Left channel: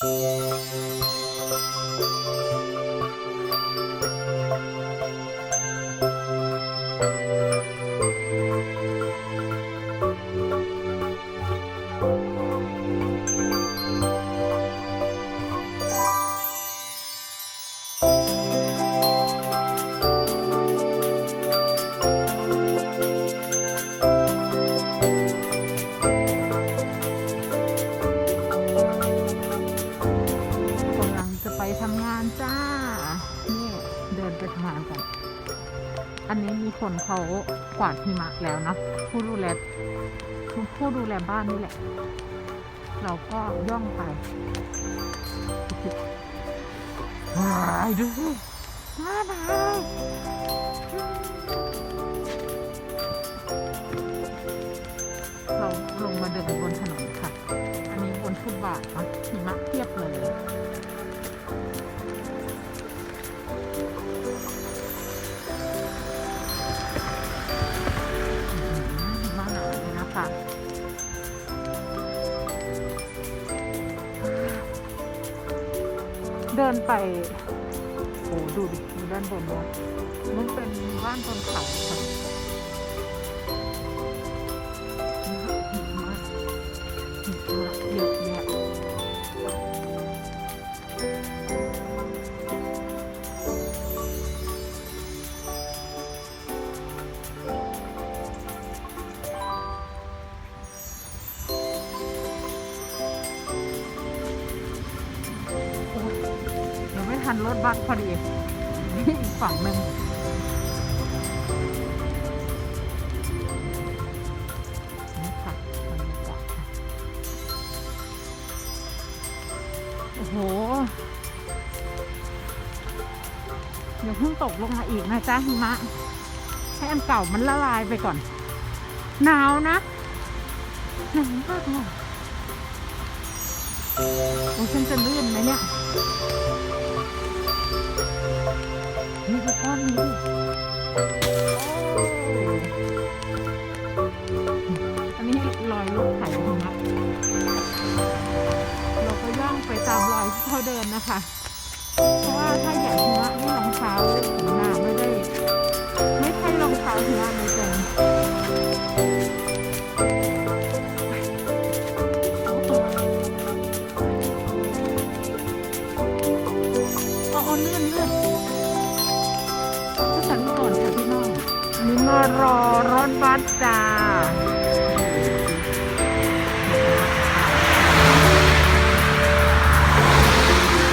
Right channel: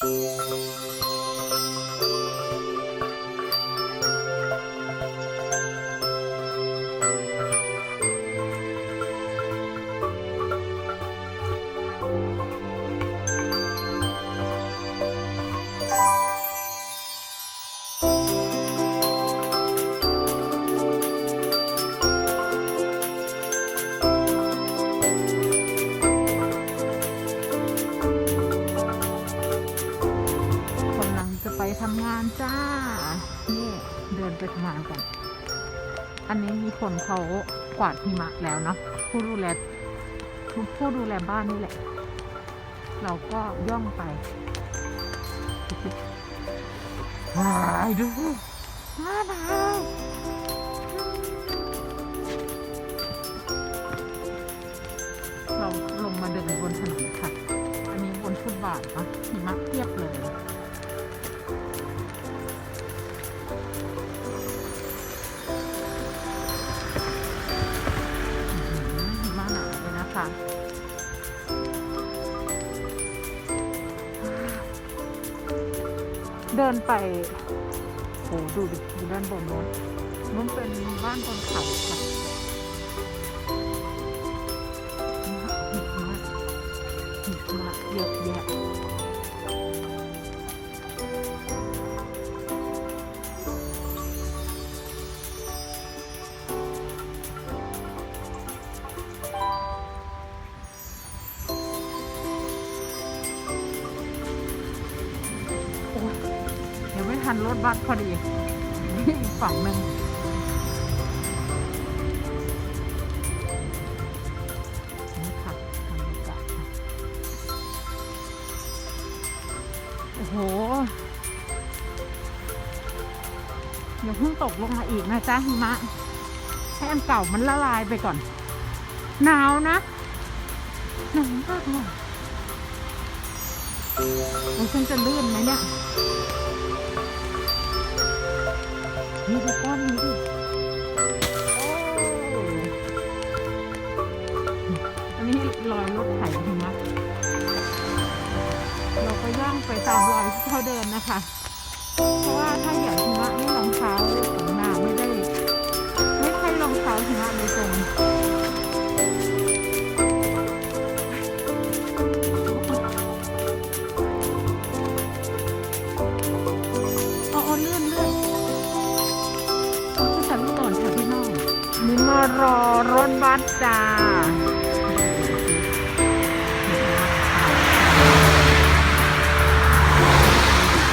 ก จะไปทำงานจ้า นี่เดินไปทำงานกัน อันนี้มีคนเขากวาดหิมะแล้วเนาะผู้ดูแลผู้ผู้ดูแลบ้านนี่แหละ เราก็ย่องไปว้ายดูว้าวเราลงมาเดินบนถนนค่ะ อันนี้บนฟุตบาทนะหิมะเทียบเลยอื้อหือหิ มะหนาเลยนะคะเดินไปโอ้ดูดิดูด้านบนโน้นมันเป็นบ้านบนเขาค่ะหิมะหิมะเยอะแยะ ทันรถบัสพอดี อีกฝั่งหนึ่งนี่ค่ะบรรยากาศค่ะ โอ้โหอย่าเพิ่งตกลงมาอีกนะจ๊ะหิมะ ให้อันเก่ามันละลายไปก่อน หนาวนะหนาวมากเลยโอ้ฉันจะลื่นไหมเนี่ย นี่ดูก้อนนี้ดิโอ้อันนี้รอยรถไถหิมะเราก็ย่องไปตามรอยที่เขาเดินนะคะ เพราะว่าถ้าอยางหิมะนี่รองเท้าของนางไม่ได้ ไม่ใช่รองเท้าหิมะโดยตรงอาเอเลื่อนเลื่อน เอาขึ้นแต่ก่อนค่ะพี่น้องนี่มารอรถบัสจ้าน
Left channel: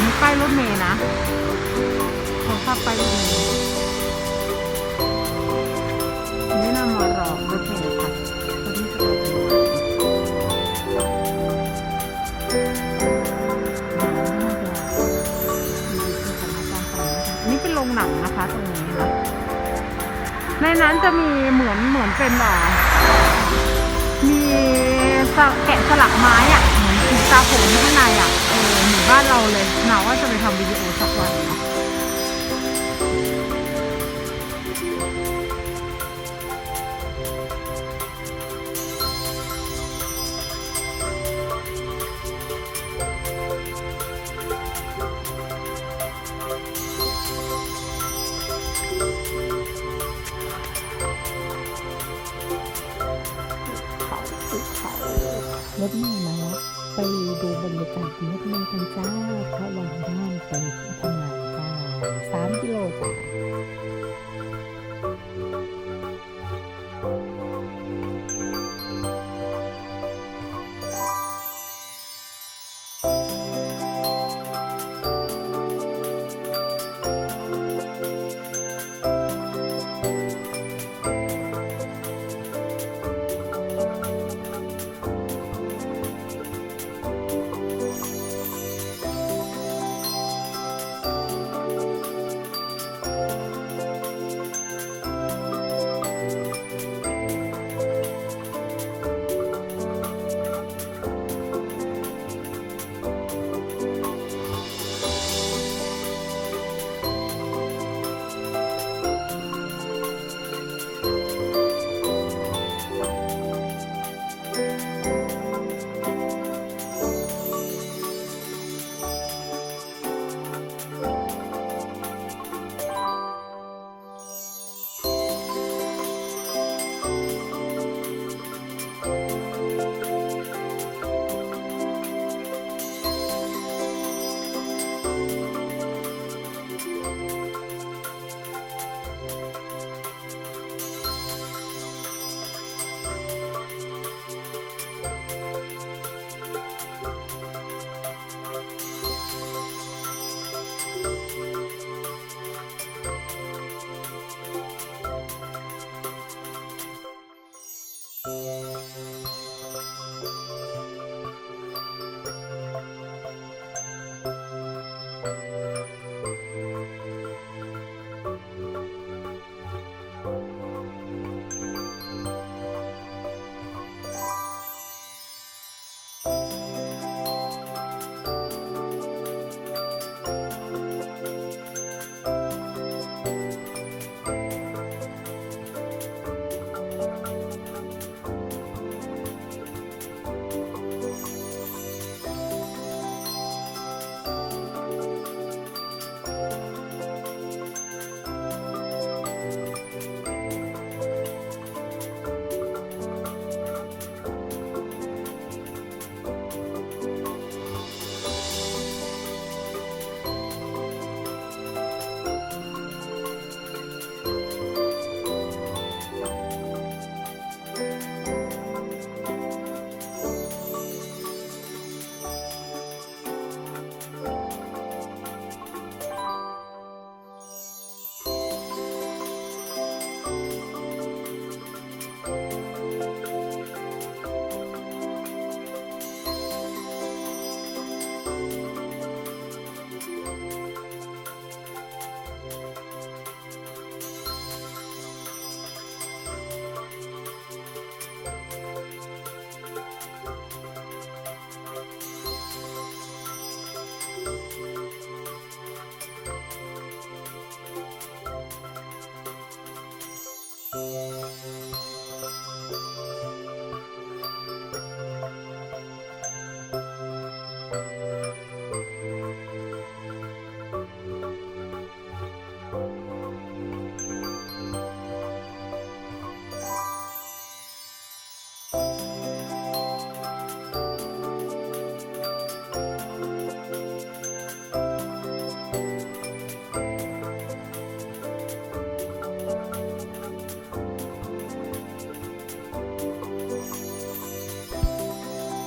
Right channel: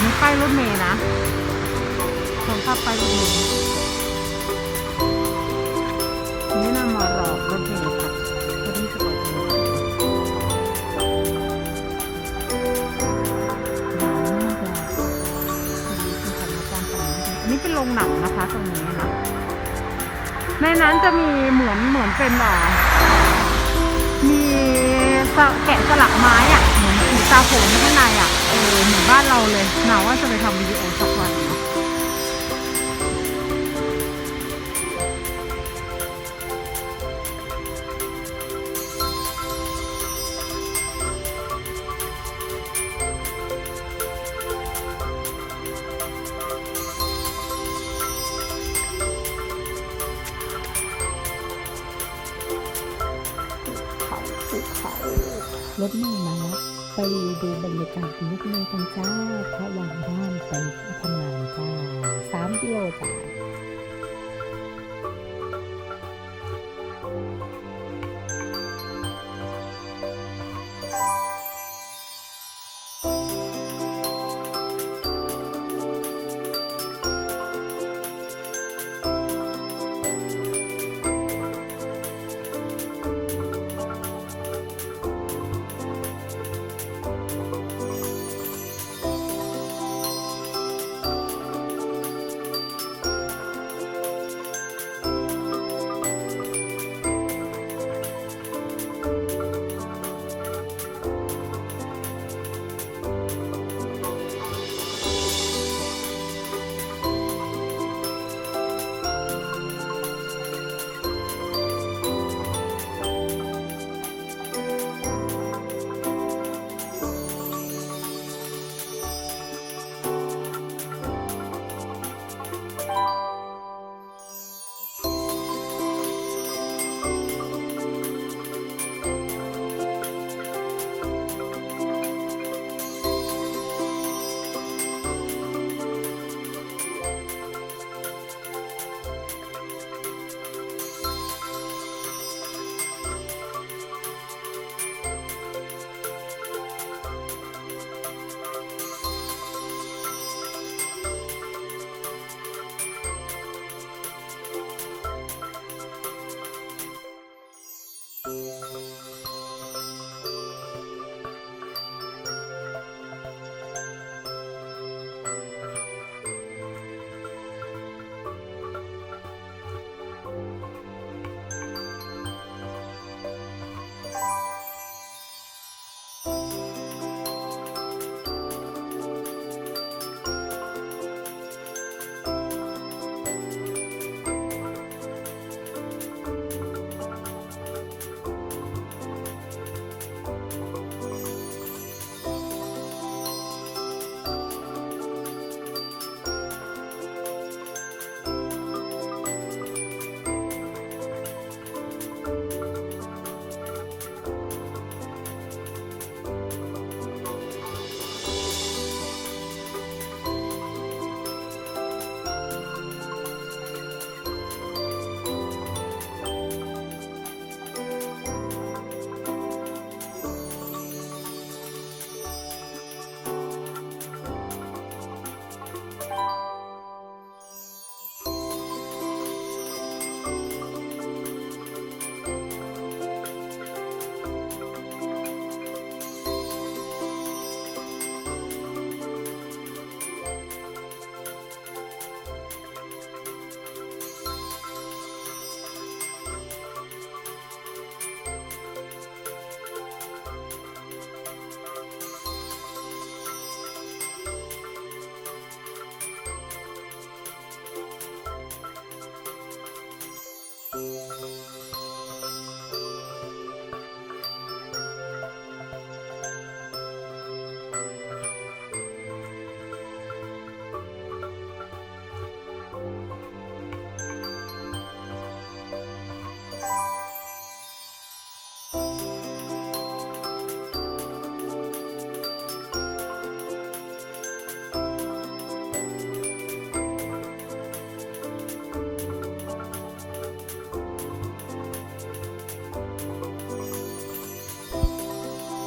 นี้ป้ายรถเมย์นะเขาขับไปรถเมย์นี่นำมารอรถเมย์ค่ะพอดีจะไปทำงาน เป็นโรงหนังนะคะ ตรงนี้นะ ในนั้นจะมีเหมือนเหมือนเป็นหรอมีแกะสลักไม้อะ่ะ เหมือนสีตาโขนข้างในอะ่ะ เออเหมือนบ้านเราเลยหนาว่าจะไปทำวิดีโอสักวันเนาะ เขาภูเขารถเมล์มาละไปดูบรรยากาศรถเมล์กันจ้าระหว่างบ้านไปที่ทำงานจ้าสามกิโลจ้า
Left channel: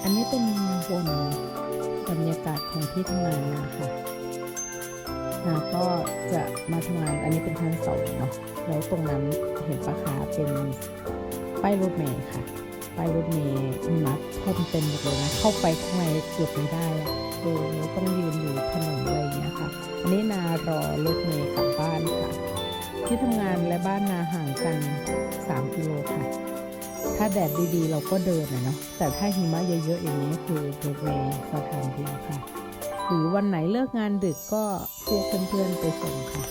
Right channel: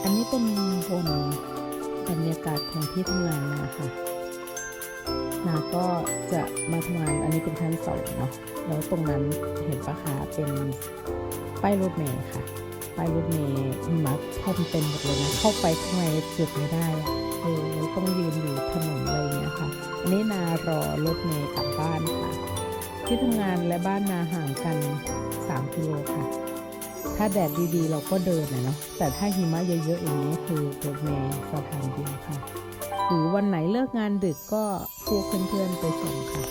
อันนี้เป็นบนบรรยากาศของที่ทำงานนาค่ะ นาก็จะมาทำงานอันนี้เป็นชั้นสองเนาะแล้วตรงนั้นเห็นปะคะเป็นป้ายรถเมย์ค่ะป้ายรถเมย์มะท่วมเต็มหมดเลยนะ เข้าไปข้างในเกือบไม่ได้อะเออต้องยืนอยู่ถนนอะไรอย่างเงี้ยค่ะ อันนี้นารอรถเมย์กลับบ้านค่ะ ที่ทำงานและบ้านนาห่างกัน 3 กิโลค่ะ ถ้าแดดดีๆ เราก็เดินนะเนาะแต่ถ้าหิมะเยอะๆอย่างนี้คือรถเมย์สถานเดียวค่ะ หรือวันไหนเลิกงานดึกก็พวกเพื่อนๆไปส่งค่ะ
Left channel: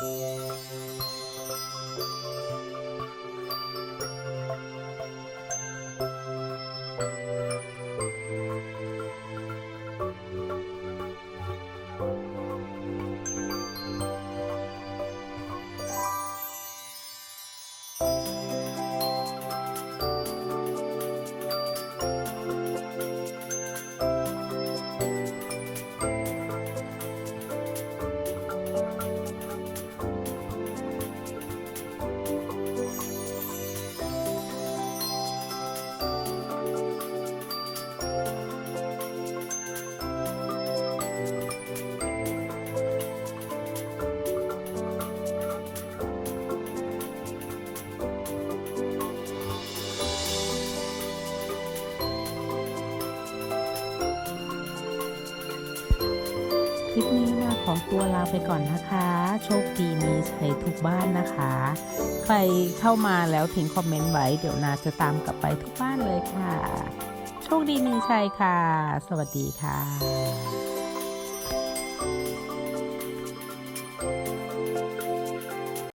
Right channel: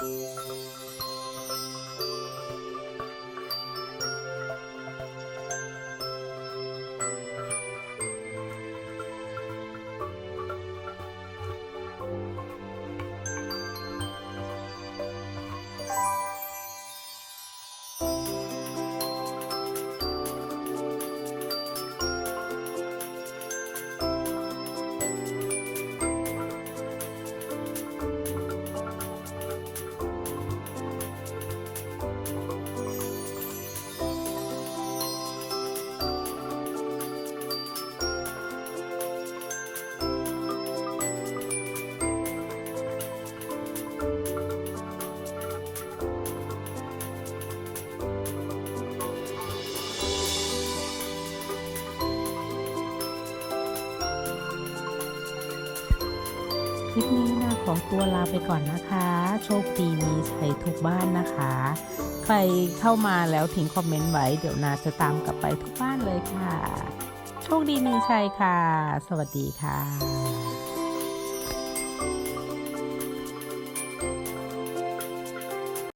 Bye. คลิปนี้นะขอตัวลาไปก่อนนะคะ โชคดีมีชัยทุกบ้านนะคะ ใครเข้ามาแล้วทิ้งคอมเมนต์ไว้ เดี๋ยวนาจะตามกลับไปทุกบ้านเลยค่ะ โชคดีมีชัยค่ะ สวัสดีค่ะ